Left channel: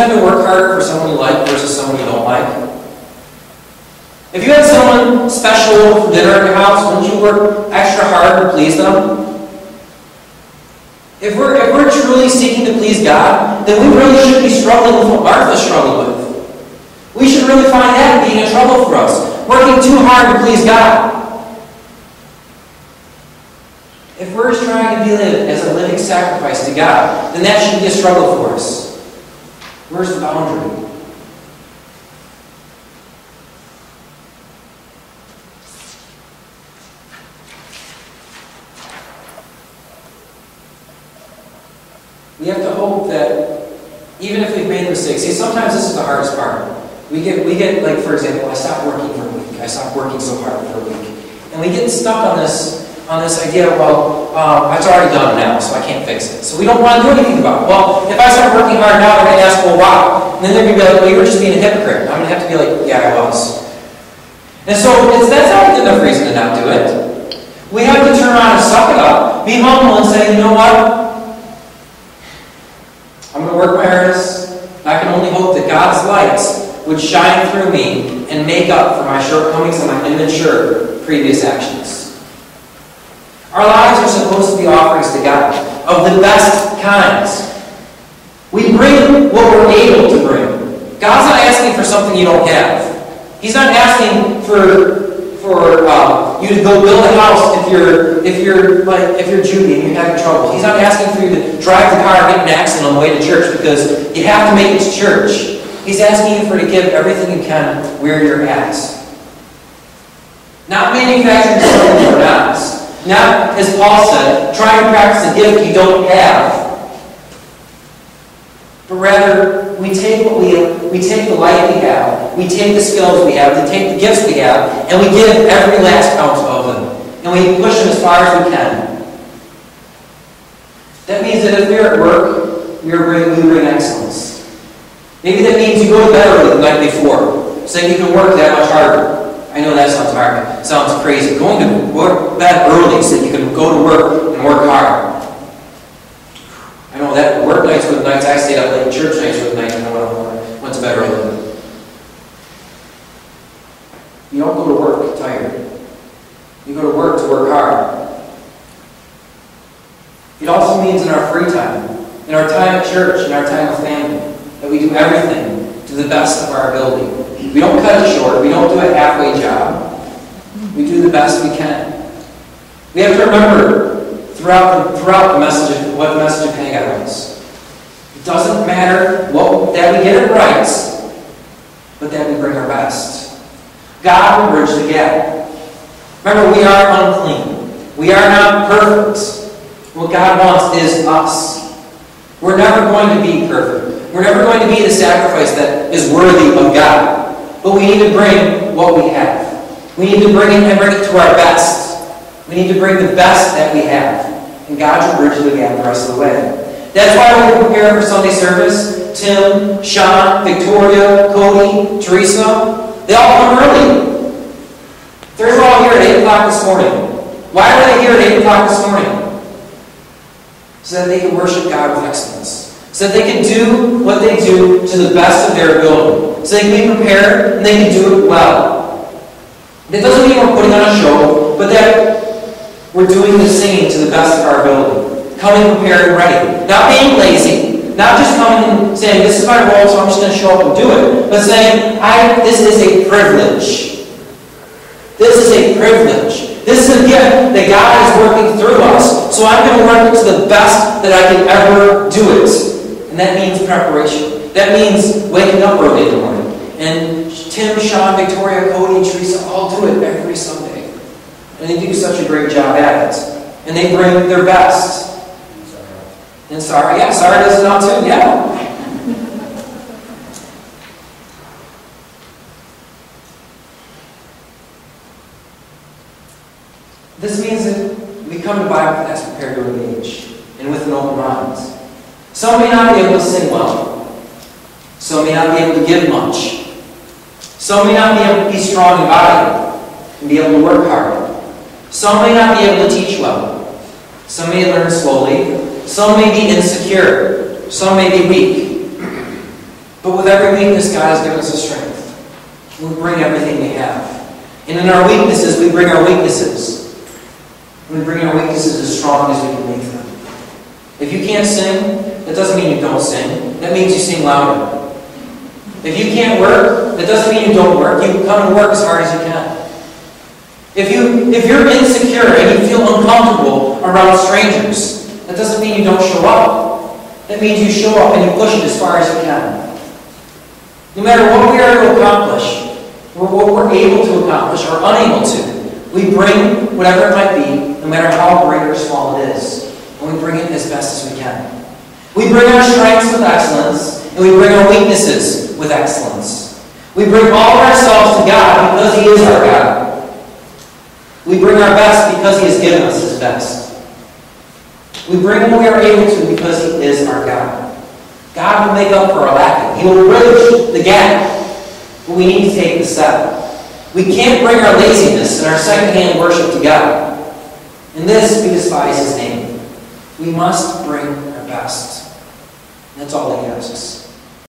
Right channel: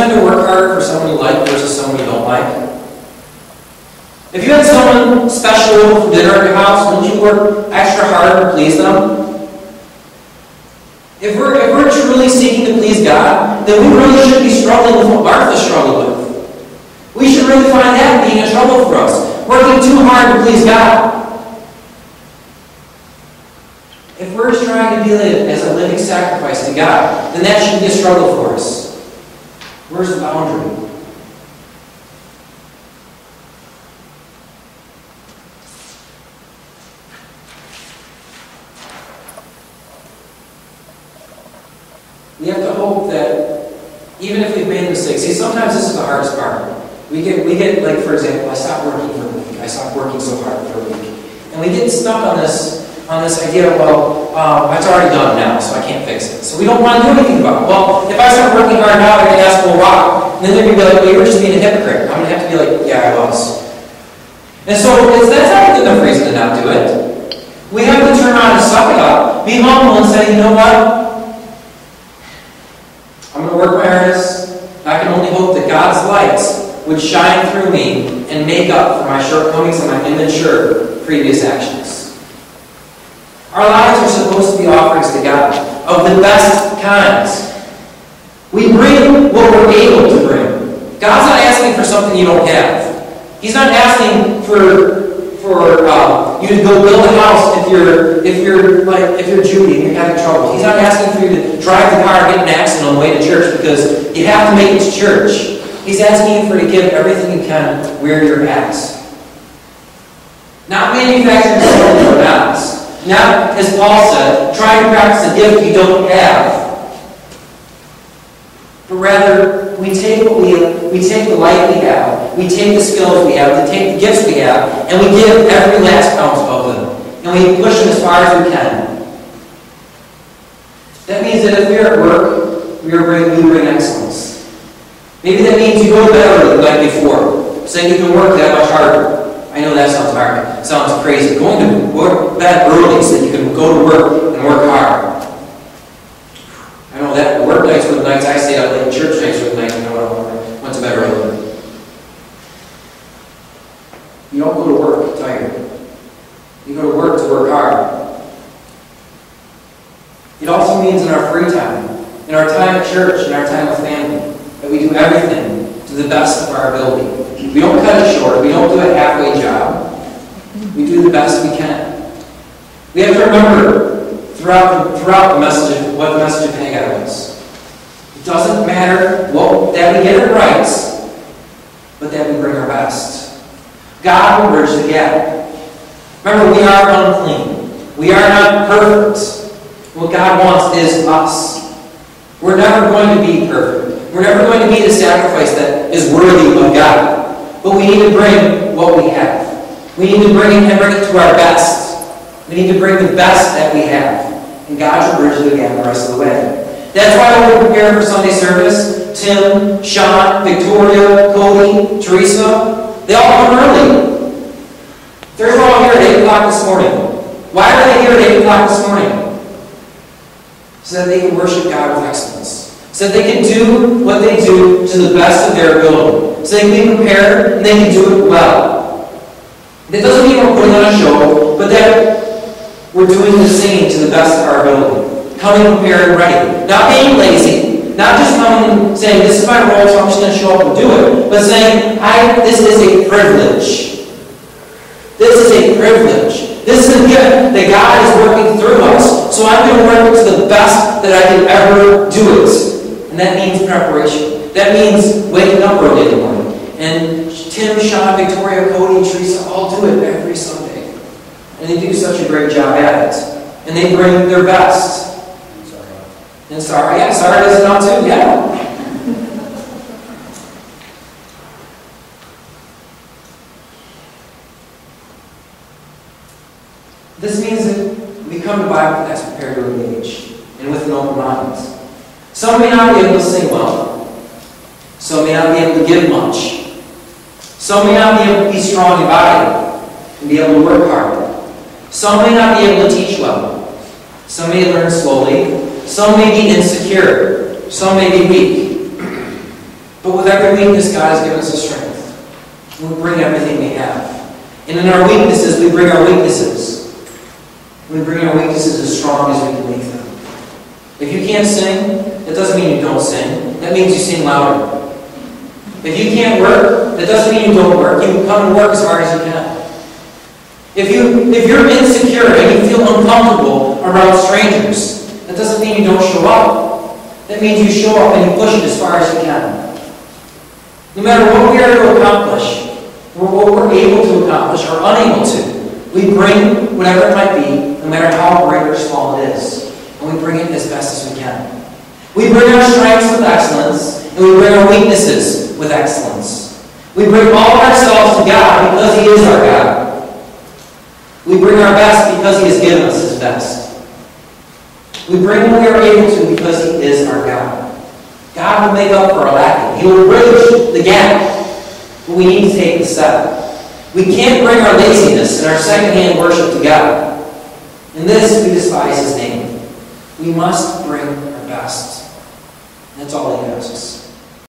tend to work harder for someone you like versus someone you don't like? If you had someone special over for dinner at your house, wouldn't you work extra hard to please them? If we're truly seeking to please God, then we really should be struggling with what Martha struggled with. We should really find that being a trouble for us, working too hard to please God. If we're trying to be as a living sacrifice to God, then that should be a struggle for us. Where's the boundary? We have to hope that even if we've made mistakes, see, sometimes this is the hardest part. We get like, for example, I stopped working for a week. I stopped working so hard for a week. And we get stuck on this idea, well, it's already done now, so I can't fix it. So we don't want to do anything about it. Well, if I start working hard now, they're going to ask, well, why? And then they're going to be like, well, you were just being a hypocrite. I'm going to have to be like, yeah, I was. And so that's not a good enough reason to not do it. We have to turn around and suck it up, be humble and say, you know what? I'm going to work my hardest. I can only hope that God's light would shine through me and make up for my shortcomings and my immature previous actions. Our lives are supposed to be offerings to God of the best kinds. We bring what we're able to bring. God's not asking for something you don't have. He's not asking for you to go build a house if you're Judy and you're having trouble. He's not asking for you to drive the car and get in an accident on the way to church because you have to make it to church. He's asking you for to give everything you can where you're at. Not manufacturing something you're not. Not, as Paul said, trying to practice a gift you don't have. But rather, we take what we take the light we have, we take the skills we have, we take the gifts we have, and we give every last ounce of them. And we push them as far as we can. That means that if we're at work, we bring excellence. Maybe that means you go to bed early the night before, so that you can work that much harder. I know that sounds hard. It sounds crazy. Going to bed early so that you can go to work and work hard. I know that work nights were the nights I stayed up late. Church nights were the nights I went to bed early. You don't go to work tired. You go to work hard. It also means in our free time, in our time at church, in our time with family, that we do everything to the best of our ability. We don't cut it short. We don't do a halfway job. We do the best we can. We have to remember throughout the message of what the message of Haggai was. It doesn't matter that we get it right, but that we bring our best. God will bridge the gap. Remember, we are unclean. We are not perfect. What God wants is us. We're never going to be perfect. We're never going to be the sacrifice that is worthy of God. But we need to bring what we have. We need to bring it to our best. We need to bring the best that we have. And God will bridge the gap the rest of the way. That's why when we prepare for Sunday service, Tim, Sean, Victoria, Cody, Teresa, they all come early. They're all here at 8 o'clock this morning. Why are they here at 8 o'clock this morning? So that they can worship God with excellence. So that they can do what they do to the best of their ability. So they can be prepared and they can do it well. That doesn't mean we're putting on a show, but that we're doing the singing to the best of our ability. Coming prepared and ready. Not being lazy. Not just coming and saying, this is my role, so I'm just going to show up and do it. But saying, this is a privilege. This is a privilege. This is a gift that God is working through us. So I'm going to work it to the best that I can ever do it. And that means preparation. That means waking up early in the morning. And Tim, Sean, Victoria, Cody, and Teresa all do it every Sunday. And they do such a great job at it. And they bring their best. And Sarah, yeah, Sarah does it now too, yeah. This means that we come to Bible class prepared to engage and with an open mind. Some may not be able to sing well. Some may not be able to give much. Some may not be able to be strong in body and be able to work hard. Some may not be able to teach well. Some may learn slowly. Some may be insecure. Some may be weak. But with every weakness, God has given us a strength. We bring everything we have. And in our weaknesses, we bring our weaknesses. We bring our weaknesses as strong as we can make them. If you can't sing, that doesn't mean you don't sing. That means you sing louder. If you can't work, that doesn't mean you don't work. You come and work as hard as you can. If you're insecure and you feel uncomfortable around strangers, that doesn't mean you don't show up. That means you show up and you push it as far as you can. No matter what we are to accomplish, or what we're able to accomplish or unable to, we bring whatever it might be, no matter how great or small it is, and we bring it as best as we can. We bring our strengths with excellence, and we bring our weaknesses with excellence. We bring all of ourselves to God because He is our God. We bring our best because He has given us His best. We bring what we are able to because He is our God. God will make up for our lacking. He will bridge the gap. But we need to take the step. We can't bring our laziness and our secondhand worship to God. In this, we despise His name. We must bring our best. That's all He asks.